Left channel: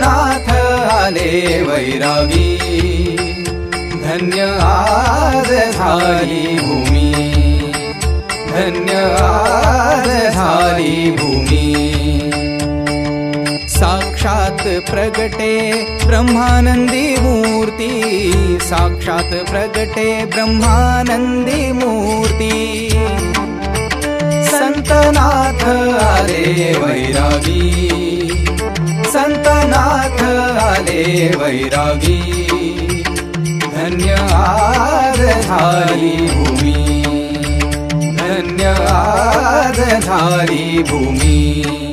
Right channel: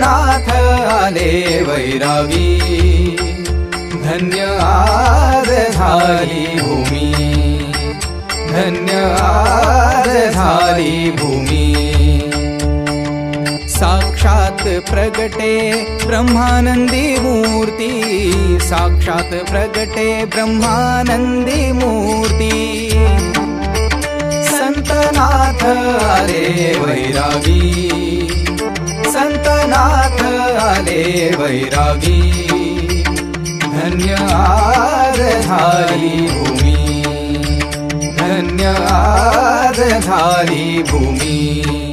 संतनाथ आले वैरागी, धन्य आज झाली भूमी, धन्य आज झाली भूमी। साक्षात प्रगटे ब्रह्मानंदी मूर्ती, साक्षात प्रगटे ब्रह्मानंदी मूर्ती। संतनाथ आले वैरागी, संतनाथ आले वैरागी, धन्य आज झाली भूमी, धन्य आज झाली भूमी।